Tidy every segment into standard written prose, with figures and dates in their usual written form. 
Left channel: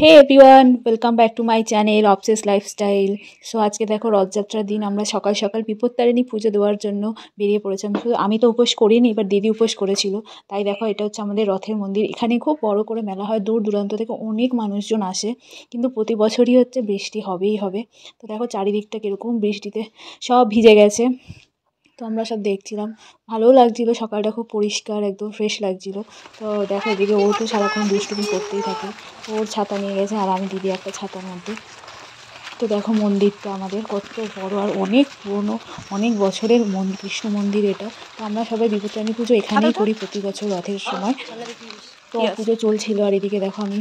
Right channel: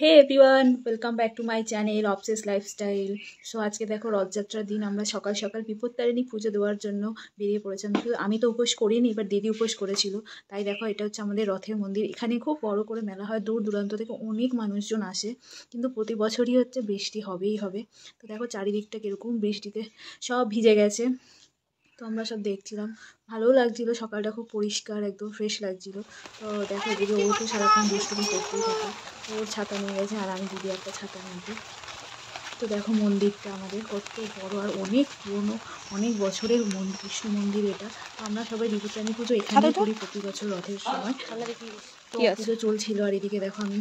Hey everyone, welcome back to my channel obsess lifestyle. So আজকে দেখো রথযাত্রার দিন আমরা সকাল সকাল বিপত্তারিণী পুজো দেওয়ার জন্য বেরিয়ে পড়েছিলাম। শুধু আমি তো উপোস করিনি, এবার দিদি উপোস করেছিল। তাই দেখো এটা হচ্ছে আমাদের রথের মন্দির। এখানে খুব বড় করে মেলা হয়, দূর দূরান্ত থেকে অনেক মানুষজন আসে। কিন্তু প্রতি বছরই হচ্ছে বৃষ্টি হবেই হবে। তো দেখো চারিদিকটা কীরকম বৃষ্টিতে সব ভিজে গেছে। তো আমরা সব দেখছিলাম, ভালোও লাগছিলো। সকালটা খুব পরিষ্কার, একদম ফ্রেশ লাগছিলো। তো দেখো এদিকে ও তো সারাক্ষণ দুষ্টুমি করতেই থাকে। ওর ছাতা নিয়ে গেছে আর আমি দিদি একটা ছাতার মধ্যে। তো দেখো মন্দিরটা আমাদের কত বড় আর অনেক পুরনো, অনেক বছরের কৃষ্ণ মন্দির এটা। তো আমরা সবাই বিপত্তারিণী পুজো এখানেই করি প্রতি বছর রথের সময়। তো পুজো চলছিল আর এদিকে দেখো আমি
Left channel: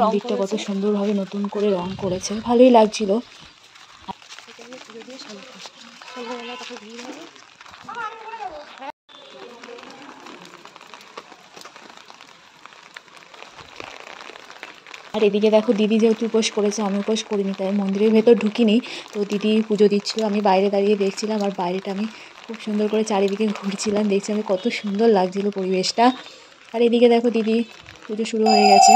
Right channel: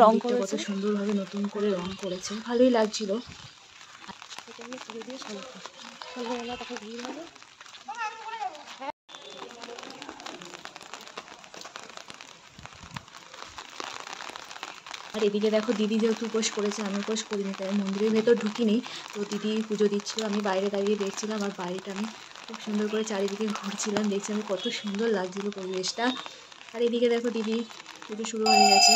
মন্দিরটা কত সুন্দরভাবে নতুন করে রং করেছে, ভালোই লাগছিল। আর এদিকে দেখো দিদি যেহেতু উপোস করেছে, আমি উপোস করিনি, তাই মন্দিরের ভেতর ঢুকিনি। তো দিদি পুজো দিচ্ছিল, আমি বাইরে দাঁড়িয়ে দেখছিলাম। আর বাইরেটা আমি খুব সুন্দর করে চারিদিকে ঘুরছিলাম, দেখছিলাম কত সুন্দর লাগছিল পরিবেশটা। আর এদিকে দেখো দিদি পুজো শুরু হয়ে গেছে।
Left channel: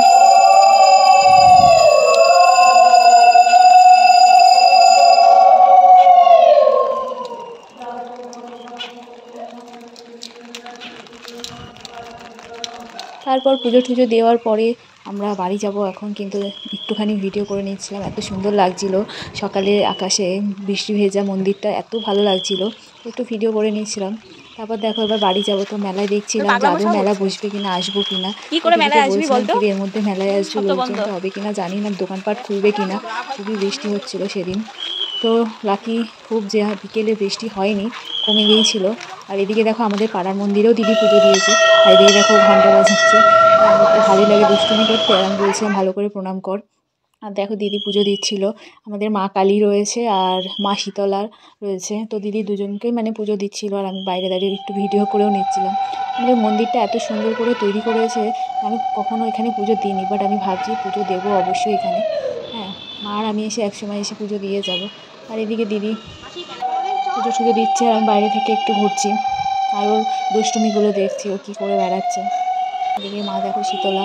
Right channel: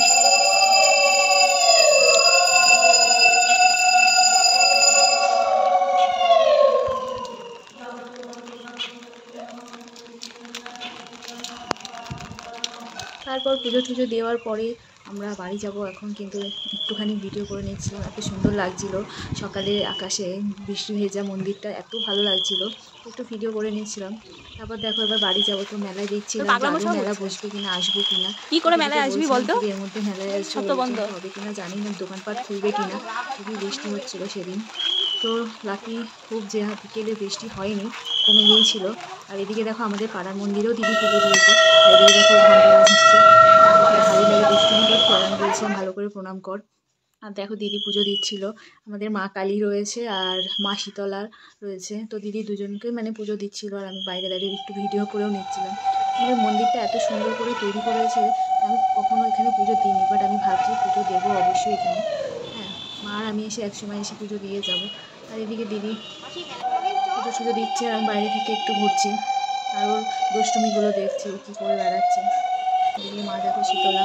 তারপর পুজো টুজো দেওয়ার পরে আমরা বাড়ি যাব এখন, কিন্তু একটুখানি ভিডিও করে নিচ্ছিলাম, এত সুন্দর লাগছিল। সকালে আকাশে বৃষ্টি ভেজা মন্দিরটা এত ভালো লাগছিল, একটু ভিডিও করে নিচ্ছিলাম। তারপর দেখো এবার বাড়ি যাব। তো মেলায় দেখছিলাম যাবো, মেলা বসবে কিনা, আসবো কিনা। কি করে মেলায় আসবি বলতো, এর মধ্যে মেলায় আসবো, লোকজন হবে কিনা জানি না, দোকানপাট খুলবে কিনা। খুবই বৃষ্টি হচ্ছিল সেদিন। তো লাকি খুব যে বিকেলে বৃষ্টি হয়নি, কমে গিয়েছিল। আর এদিকে দেখো আমাদের পাড়ার মন্দিরেও দিদি পুজো দিয়েছে। আর এদিকে দেখো ঘন্টা বাজাচ্ছে। আমাকে ভালোই লাগে দুষ্টুমি করতে, আর আমি বলছিলাম ভালো করে প্রণাম কর। আর দেখো দিদি পুজো দিচ্ছিল। আমাদের মা কালী রয়েছে আর মা শীতলার রয়েছে। তো দিদি দুজনকেই মানে পুজো দিচ্ছিল, আর আমি বাইরে দাঁড়িয়ে একটু ভিডিও করেও নিচ্ছিলাম। আমাদের মন্দিরটা এত সুন্দর করে তৈরি করেছে, আমি কখনো এখানে পুজো দিইনি, বাট আমি ভাবছি পুজো দেবো অবশ্যই এখানে। হ্যাঁ, মা আর আমি এসে একসময় এসে পুজো দিয়ে যাব। আর এদিকে দিদি পুজো টুজো দিচ্ছে, আর আমি বাইরে থেকে একটু ঘুরছি আর ওর দুষ্টুমিগুলো দেখছি, ও কী করে বেড়াচ্ছে। এদিকে মা দেখো শীতলা।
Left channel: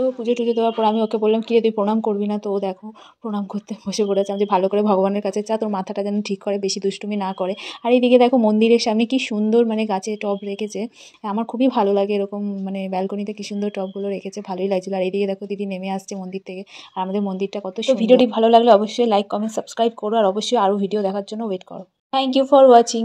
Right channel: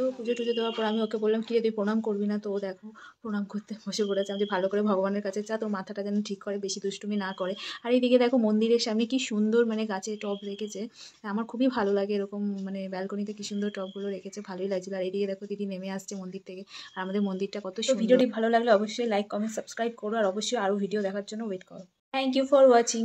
তো পুজো টুজো দেওয়ার পর আমি ওকে বললাম কি রে তুই প্রণাম করবি না? তো ও দেখো প্রণাম করতে বসে পড়েছে। আমি যে ভালো করে ভগবানের কাছে চা তোর মাথাটা যেন ঠিক করে, বেশি দুষ্টুমি না করে। আর এইদিকে দেখো মন্দিরের সামনে কি সুন্দর মানে গাছে টব রেখেছে। আমার খুবই ভালো লাগে এরকম, মানে ব্যালকনিতে কি সুন্দর টবগুলো রেখেছে, ভালোই লাগছিল। আর এইদিকে দেখো দিদি নেমে আসছে মন্দির থেকে, আর আমাদের মন্দিরটা কত সুন্দর। ভিডিওটি ভালো লাগলে অবশ্যই লাইক কমেন্ট সাবস্ক্রাইব করো, আর অবশ্যই আরও ভিডিও দেখার জন্য ওয়েট করো। Thank you for watching.